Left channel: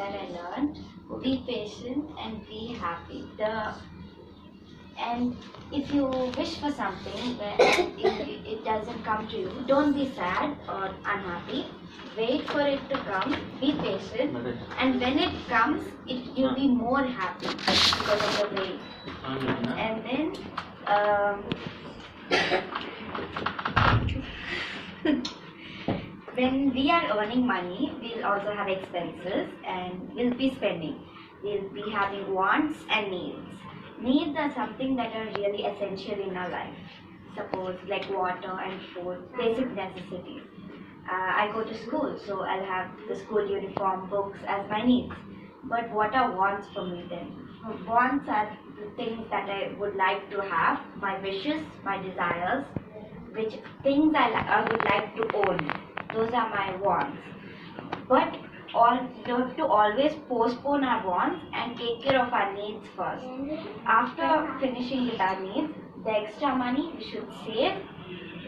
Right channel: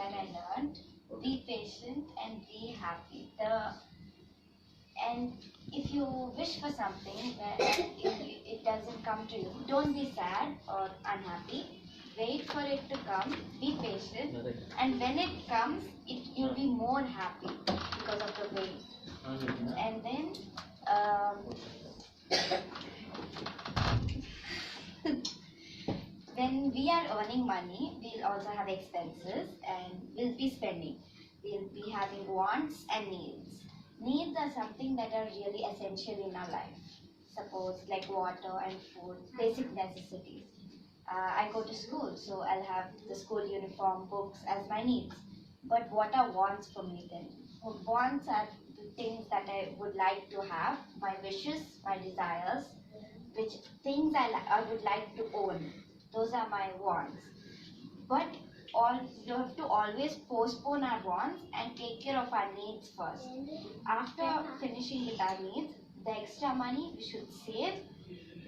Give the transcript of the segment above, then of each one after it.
that I learned: be patient and be happy. And if you wish for something where it doesn't come to you, don't be sad or unhappy. Wait for it to come, be patient, and when it comes, you'll be more happy because of the wait. And then when we are earning money, we'll also have expenses and we'll be spending. We'll be having wants and needs. Needs are something that are really essential in our life. Suppose like water and food, basic necessities. I go to school, so I'll have the school uniform, books as my needs. But what are wants for me then? Wants are the things that I would like to have, my wishes, my desires, which things I would like to own. Those are my wants. But we have to always postpone our wants and take care of our needs first. After finishing with our needs, the extra money we should save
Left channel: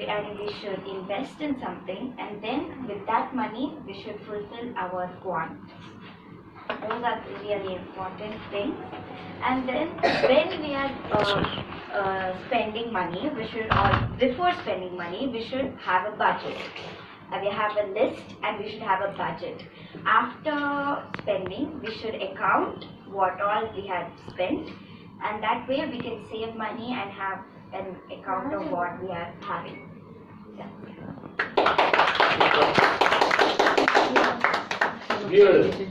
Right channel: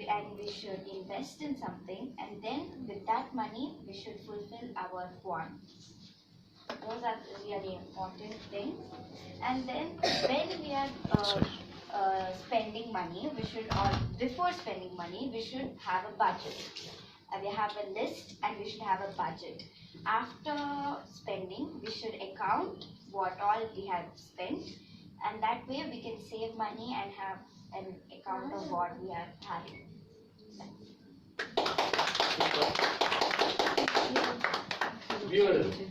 and we should invest in something, and then with that money we should fulfill our wants. Those are really important things. And then when we are spending money, before spending money we should have a budget. We have a list and we should have a budget. After spending, we should account what all we have spent, and that way we can save money and have an account of what we are having. Yeah. Beautiful.